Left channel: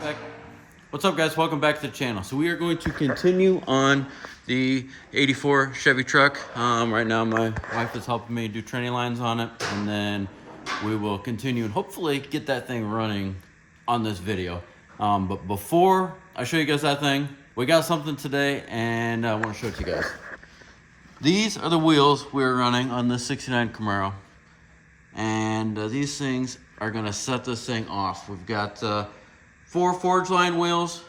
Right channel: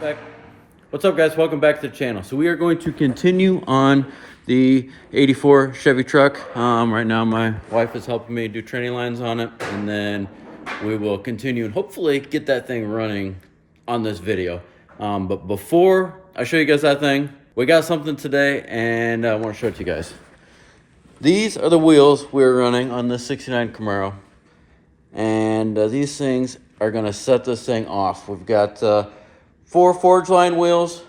back. What's up, guys? Welcome back to the channel. So we are going to continue on the 84 Chevy truck. Right now my wife is helping me do training lines on it, and then we will continue and hopefully get that thing running on this video. But before I show you guys that thing, we got something today, and I want to show it to you guys. These are the wheels we're running on this 69 Camaro, and these things are going to set this thing off. We've got 4 forge line wheels,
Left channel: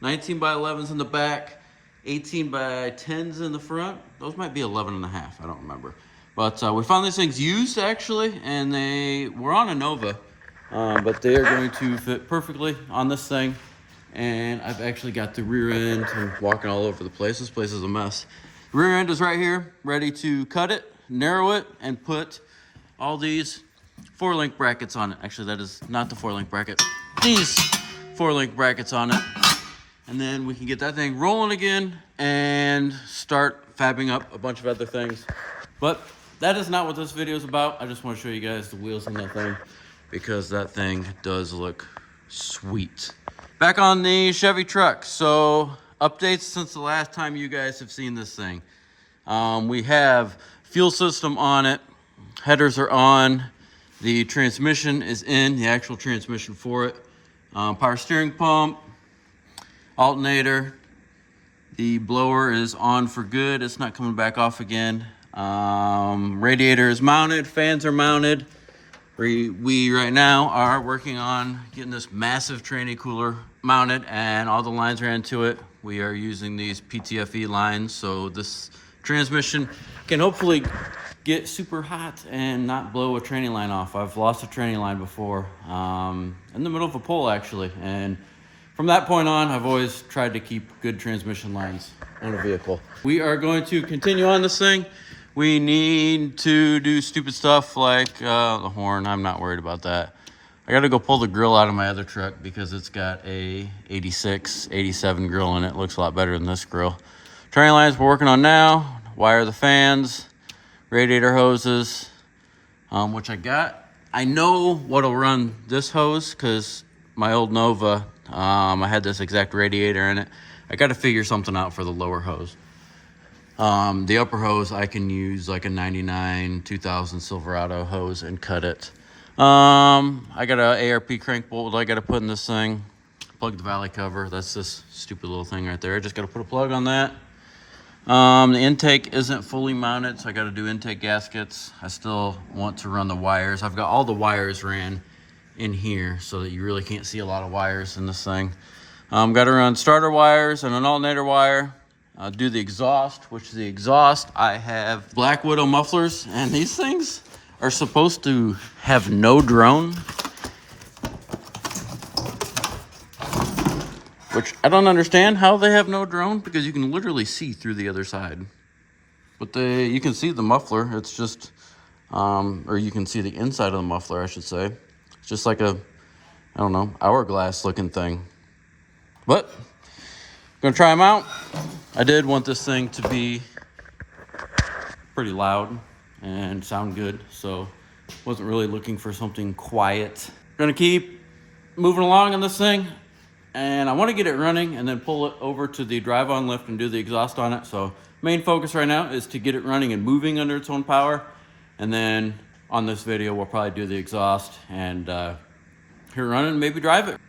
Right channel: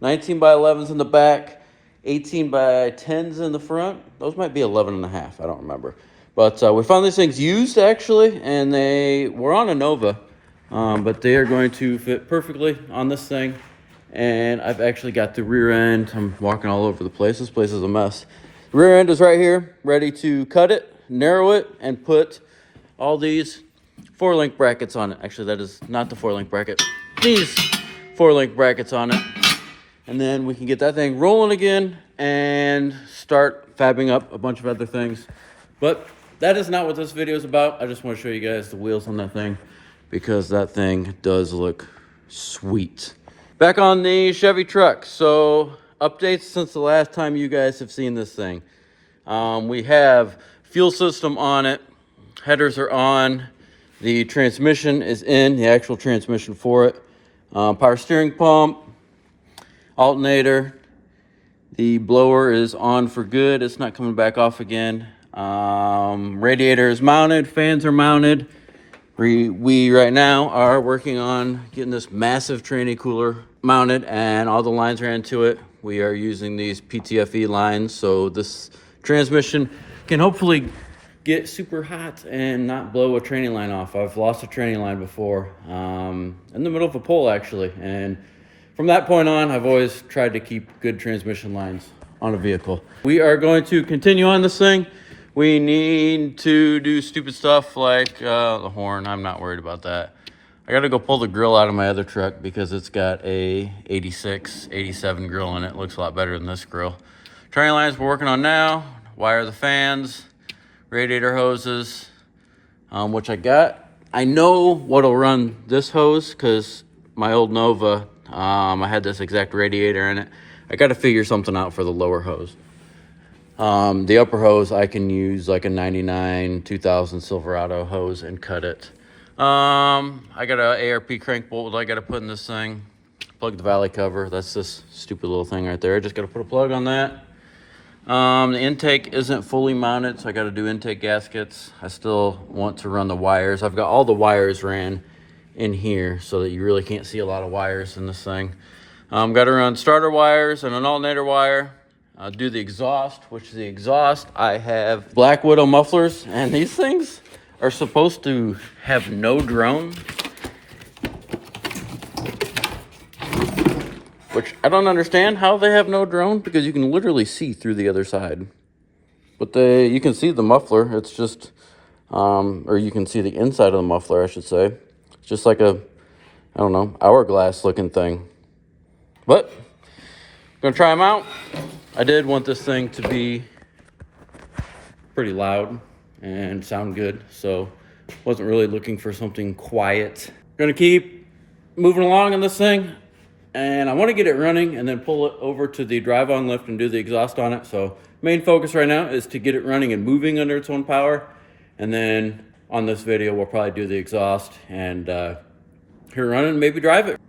19 by 11s in the back, 18 by 10s in the front. Those might be 11 and a half, I don't remember. But we found these things used, actually, and they were on a Nova, but they are going to fit perfectly on this thing. And I've actually got the rear end. I'm walking all over the place. This place is a mess. The rear end is right here, ready to cut it, narrow it, and put all these 4-link brackets on it. Actually, that is not the 4-link bracket. These 4-link brackets on it. And then we can get that thing rolling again and start fabbing up a bunch of other things. But that is not what this video is about. I just want to show you guys the wheels on that thing, because that thing does look sweet. Back on the Chevy truck. So updates since the last time you guys have seen this thing. We have fuel system on it. Headers are on. The transmission is in, the actual transmission for it. Power steering pump, alternator. The blower is on for good. It's not coming back off again. Radiator is mounted. Fans are mounted. We right now are working on getting this massive tranny cooler mounted, and all the lines are into it. We are using these PTFE lines, so this transmission can hopefully get super hot and not blow a tranny line off. I've lost a tranny line before, in the middle of a pole, actually, and from that point on, I've always tried to keep good transmission lines on a vehicle. We are going to continue on this thing. We need to do stupid stuff like the horn. I'm not worried about that. I got to go pull the grill out of my other truck because it's got a 86, 87 grill in it. It looks a lot better than this grill. Tranny lines we're working on now. Wire the fans. Radiator hoses, which I got. I know what'll run this hose because my old Nova, I had this exact radiator in it. I got to figure something out for the lower hose. The upper hose, I can use like a 99 2000 Silverado hose and cut it. I got an ARP crank bolt I got to put in this thing. Plug the valley cover. That's this stupid little thing right there. I just got to put a plug on that. The intake isn't fully mounted, so I got to do intake gaskets. I still want to run the wires. I've got all the wires ran in here so that you really can't see a lot of wires in this thing. Got to run starter wires and an alternator wire. Do the exhaust, which the exhaust, I have Black Widow mufflers, and these things are supposed to have no drone, which I don't understand how they have no drone, because you can literally see through the other side. But you can see the muffler. It's just, or you can see the inside of the muffler, I should say. It's just like a, I don't know, hourglass looking thing. But I'm gonna try them out. I did want this thing to be pretty loud and sound good, so wasn't really looking for something quiet. Gonna keep moving along on this thing, and I want to get it running and then pull it over to the drive-on lift and do the exhaust on it. So main focus right now is to get it running and moving under its own power, and then on this video we'll probably do the exhaust and hear it running, maybe drive it.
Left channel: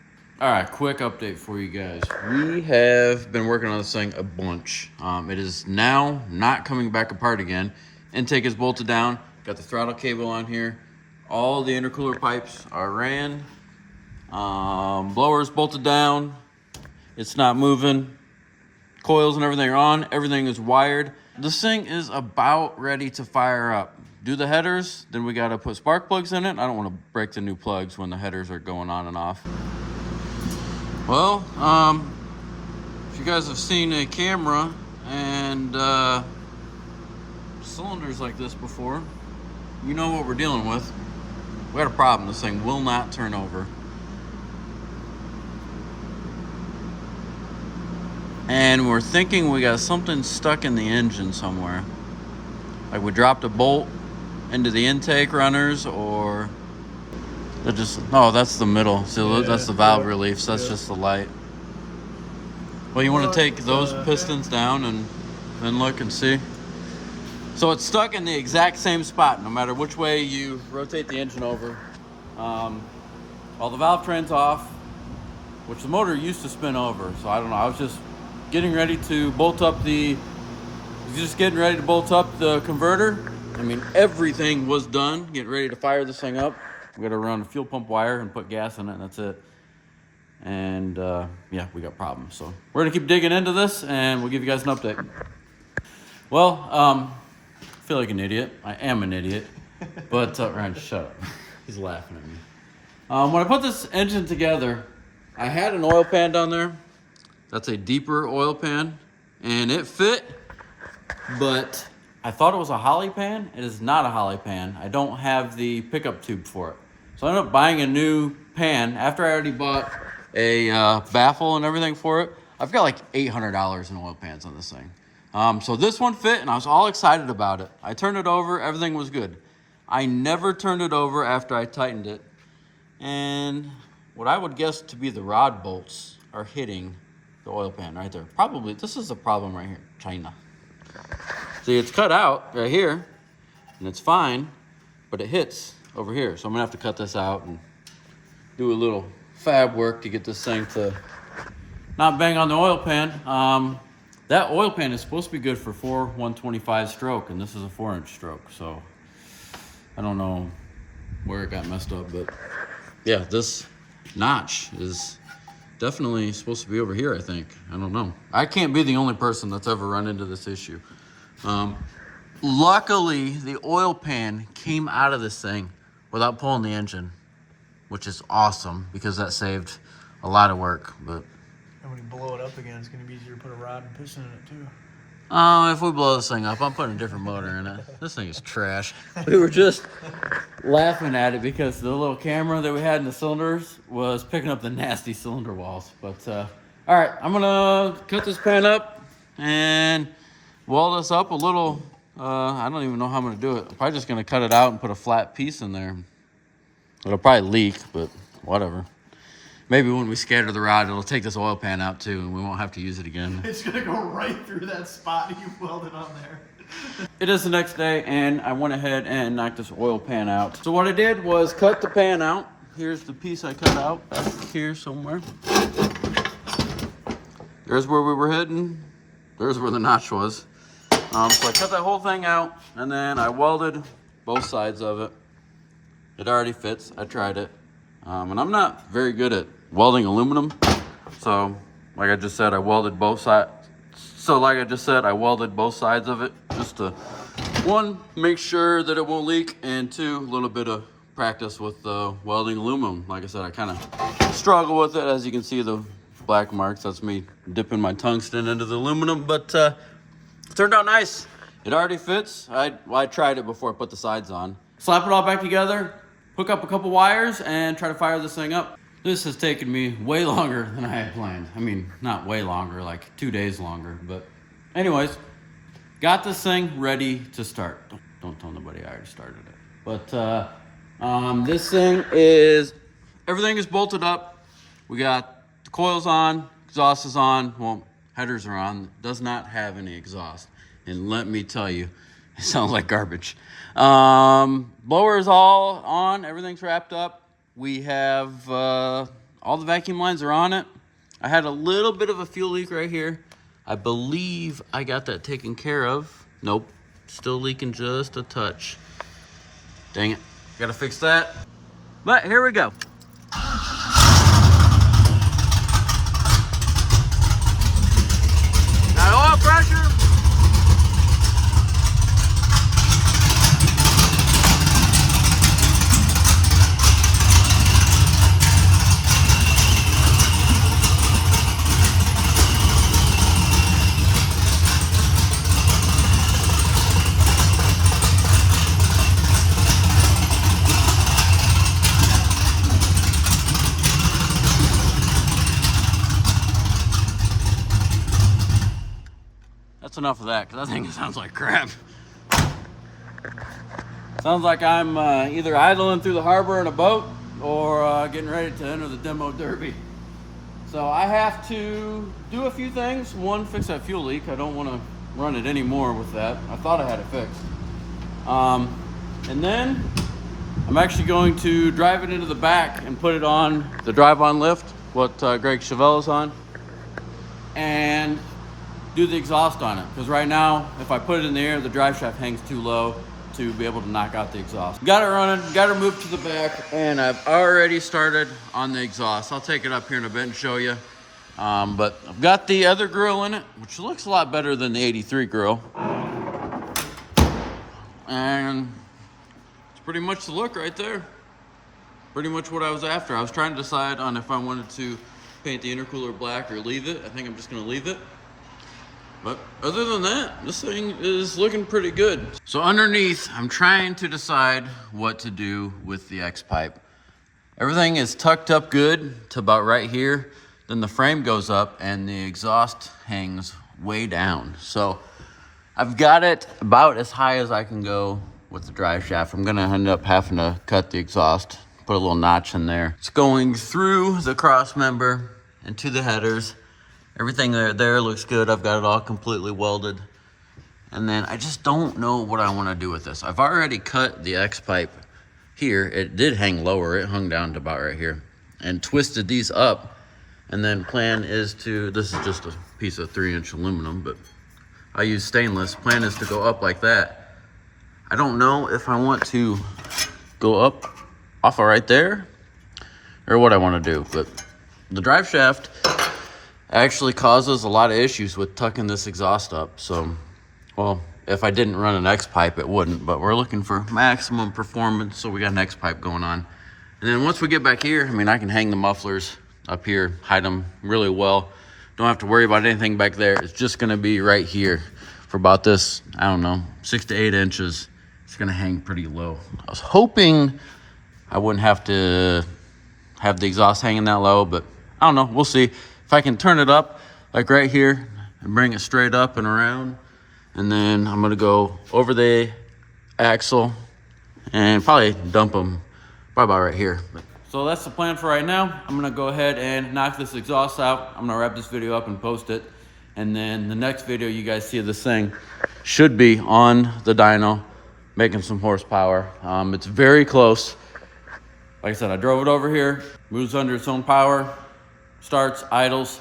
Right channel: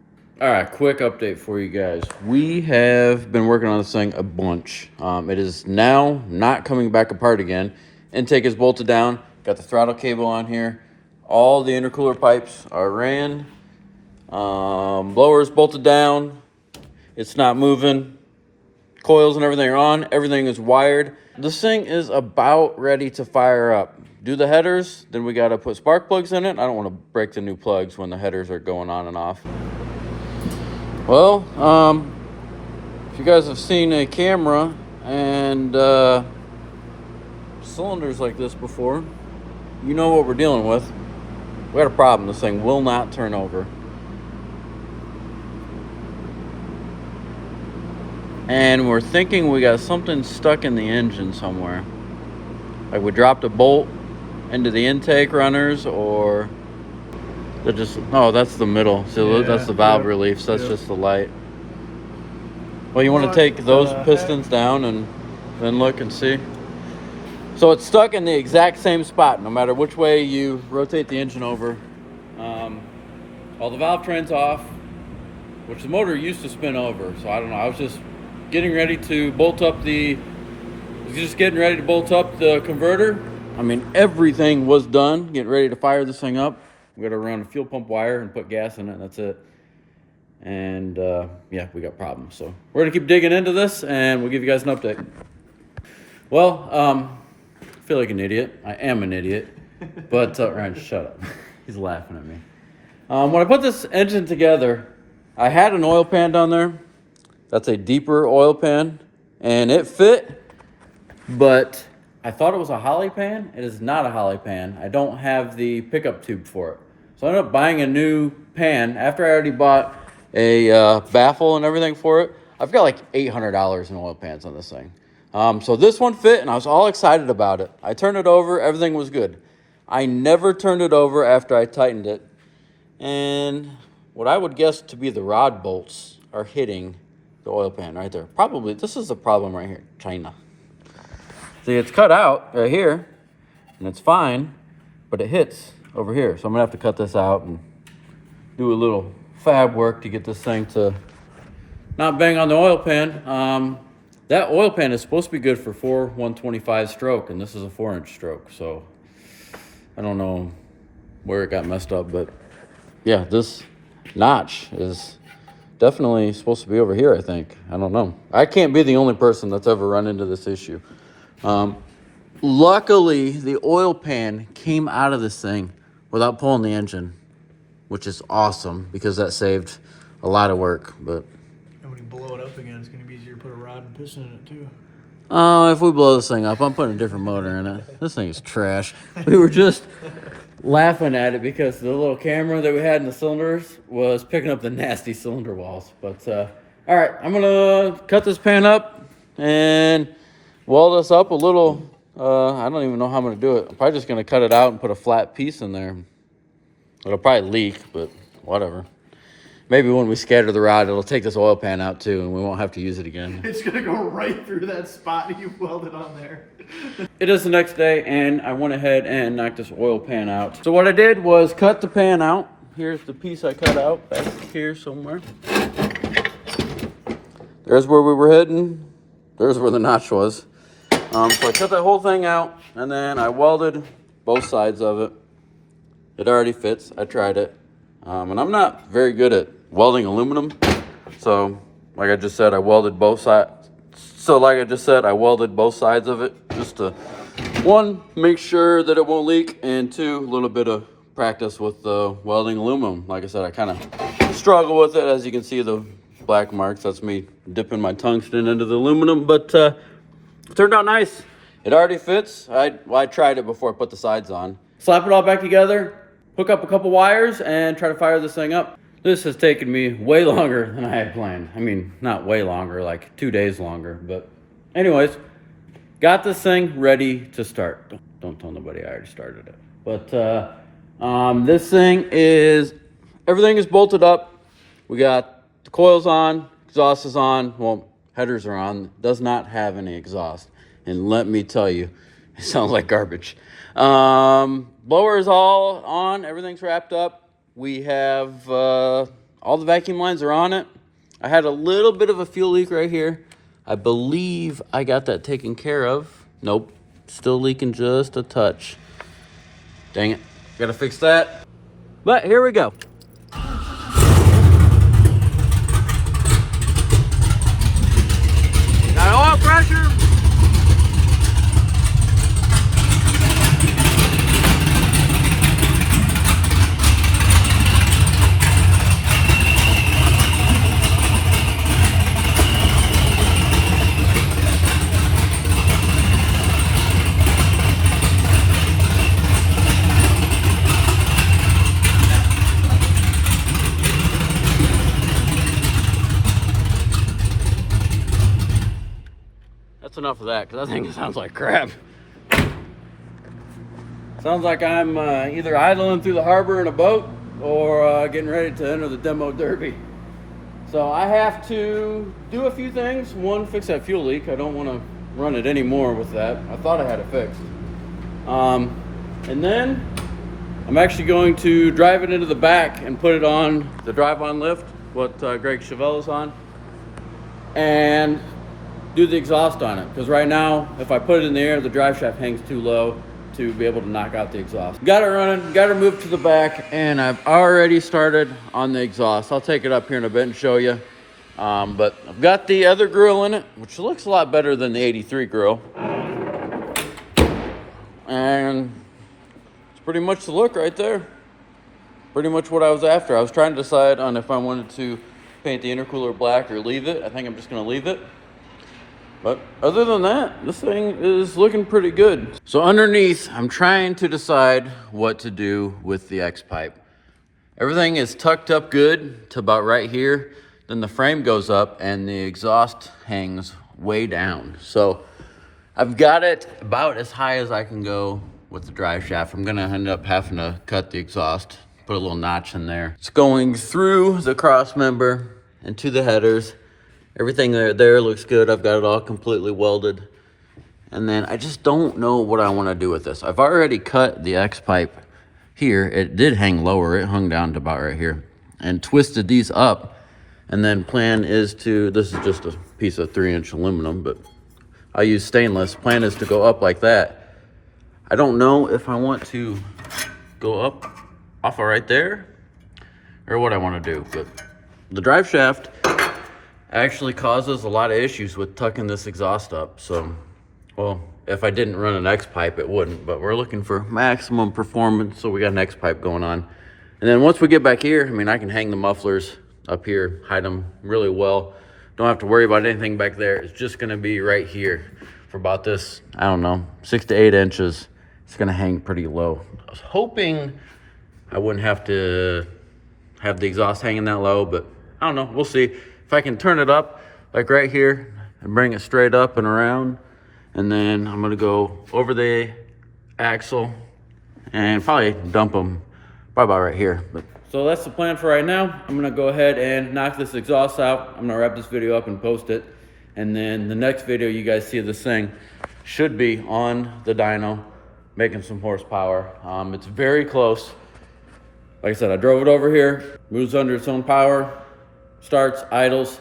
All right, quick update for you guys. We have been working on this thing a bunch. It is now not coming back apart again. Intake is bolted down. Got the throttle cable on here. All the intercooler pipes are ran. Blower is bolted down. It's not moving. Coils and everything are on. Everything is wired. This thing is about ready to fire up. Do the headers, then we got to put spark plugs in it. I don't want to break the new plugs when the headers are going on and off. Well, if you guys have seen a camera and cylinders like this before, you know what we're dealing with. We got a problem. This thing will not turn over. And we're thinking we got something stuck in the engine somewhere. Like we dropped a bolt into the intake runners, or They're just, no, that's the middle. So Yeah, that's the valve yeah, relief. So that's yeah. just the light. Well, you want to take those pistons down and then look and see. So it's stuck in the exact same spot, no matter which way you rotate the engine over. All the valve train's off, which the motor used to spin over. So I don't know. I was just getting ready to bolt up the converter. I mean, everything was done. Getting ready to fire this thing up. We got to run a fuel pump wire and put gas in it, and that's it. And yeah, we got problems. So we're gonna keep digging into this, and we'll give you guys an update. Well, I feel like an idiot. I am an idiot. But Ryan, shut up. He's laughing at me. When I put this engine together, I had an oil pan down there. That's a deeper oil pan, and it fit, but I thought it was a holly pan. It is not a holly pan. I don't have the pickup tube for it. So I ended up buying a new pan after I already bought a baffle and everything for it. I've got like $800 in oil pans on this thing. So this one fit, and I was all excited about it. I turned it over, everything was good. I never turned it over after I tightened it. And what I would guess to be the rod bolts are hitting the oil pan right there. Probably, this is the problem right here, China. See, it's cut out right here, and it's fine, but it hits over here. So I'm gonna have to cut this out and do a little fab work to get this thing to not bang on the oil pan. That oil pan is supposed to be good for 125 stroke, and this is a 4-inch stroke. So I don't know where it got messed up, but yeah, this notch is definitely supposed to be over here, I think. I don't know. I can't be the only person that's ever run into this issue. Luckily, the oil pan came out of this thing without pulling the engine, which is awesome because that saved a lot of work. But And when you blow it up again, it's going to be easier to put a rod and piston in it too. if we blow this thing up, I'm putting a different motor in it. This thing is trash. We were just laughing at it because the little camera that we had in the cylinders was picking up the nasty cylinder walls. But all right, I'm gonna cut this pan up and weld this up a little. I don't even know how I'm gonna do it. I'm probably just gonna cut it out and put a flat piece in there. It'll probably leak, but whatever. Maybe when we scatter the rod, it'll take this oil pan out too, and we won't have to use it again. It's going to go right through that spot you welded on there. It is the next day, and I went ahead and knocked this oil pan out. So what I did was cut the pan out. Here's the piece I cut out, back here somewhere. There's where we were heading. There's where the notch was. So I cut that whole thing out, and then I welded both sides of it. It already fits. I tried it. And I'm not very good at welding aluminum. So, like I just said, I welded both sides. I welded both sides of it just to, one, make sure that it won't leak, and two, a little bit of practice with welding aluminum. Like I said, I kind of struggle with it. As you can see, the black marks, that's me dipping my tungsten into the aluminum, but it turned out nice. It already fits. I tried it before I put the sides on. Slap it all back together, hook up a couple wires, and try to fire this thing up. This has taken me way longer than I had planned. I mean, not way longer, like 2 days longer. But anyways, got this thing ready to start. Don't tell nobody I already started it. But this thing is, everything is bolted up. We got the coils on, exhaust is on. Well, headers are on. Does not have any exhaust. And let me tell you, it sounds like garbage. Blower is all on. Everything's wrapped up. We have all the vacuum lines are on it. I had a little bit of a fuel leak right here. I believe I got that taken care of. Nope, still leaking just a touch. Dang it, gotta fix that. But here we go. Got oil pressure. That's enough of that, because that thing sounds like crap. Sounds like I'm either idling through the harbor in a boat or getting ready to enter the demo derby. So I have to do a few things. One, fix that fuel leak. I don't want to run it anymore with that. I thought I had it fixed. And then I'm actually going to drive it into the back and put it on the drive-on lift, what Greg Chevelle's on, and do the exhaust on it. Because right now, if I put it in the air, the drive shaft hangs too low to be able to knock out the exhaust. Got it running, got it moved to the back, and I've already started on the exhaust. I'll take it up here in a bit and show you. But I've got the other grill in it, which looks a lot better than the 83 grill. And it's pretty much the look right there. Pretty much what I was after. I was trying to decide on if I wanted to paint the intercooler black or leave it. I think I'm just gonna leave it. But other than that, this thing is looking pretty good. So underneath, I'm trying to decide what to do with the Xpipe. Everything is tucked up good to about right here. Then the frame goes up and the exhaust hangs way down. So I've got it about as high as I can go with the drive shaft. I'm gonna end up having to cut the exhaust, put a little notch in there. It's going through the cross member and to the headers. Everything there looks good. I've got it all completely welded. And then I just don't know what I want to do with this. I've already cut the Xpipe here. It did hang lower. It hung down to about right here. And twisted these up. And then plan is to, this is just a piece of 3-inch aluminum, but I use stainless. Plan is to go up like that. I don't know if I want to go up off of right there or what I want to do, but the drive shaft actually causes a lot of issues with tucking this exhaust up. So, well, if I didn't run an Xpipe, it wouldn't, but we're looking for maximum performance, so we got an Xpipe going on. And then once we get back here, I mean, I can hang the mufflers up here, hide them really well. Don't have to worry about anything back there. It's just gonna be right here for about this, I don't know, 6 to 8 inches. It's gonna hang pretty low. I was hoping I wouldn't have to have the exhaust hanging that low, but I don't know, we'll see. If I can turn it up, like right here, and bring it straight up and around, and then I'm gonna go over the axle and probably dump them probably about right here. So that's the plan for right now. I'm gonna go ahead and knock this exhaust out. I'm gonna wrap this video up and post it. And then the next video you guys see of this thing should be on the dyno, making some horsepower. It's very close. Like I said, I drove it over here, moves under its own power, starts, idles,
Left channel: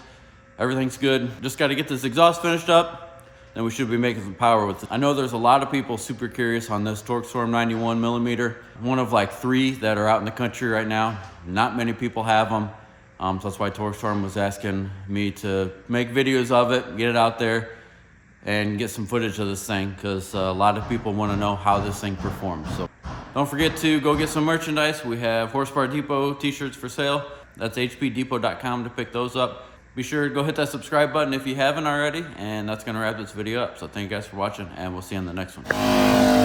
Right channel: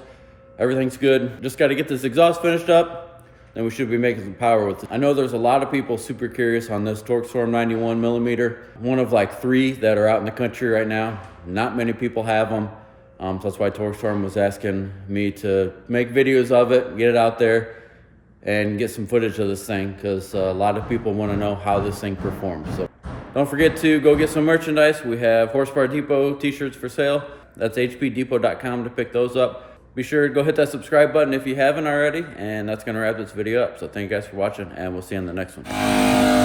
everything's good. Just got to get this exhaust finished up, then we should be making some power with it. I know there's a lot of people super curious on this Torqstorm 91mm. One of like 3 that are out in the country right now. Not many people have them. So that's why Torqstorm was asking me to make videos of it, get it out there, and get some footage of this thing, because a lot of people want to know how this thing performs. So don't forget to go get some merchandise. We have Horsepower Depot t-shirts for sale. That's hpdepot.com to pick those up. Be sure to go hit that subscribe button if you haven't already, and that's gonna wrap this video up. So thank you guys for watching, and we'll see you in the next one.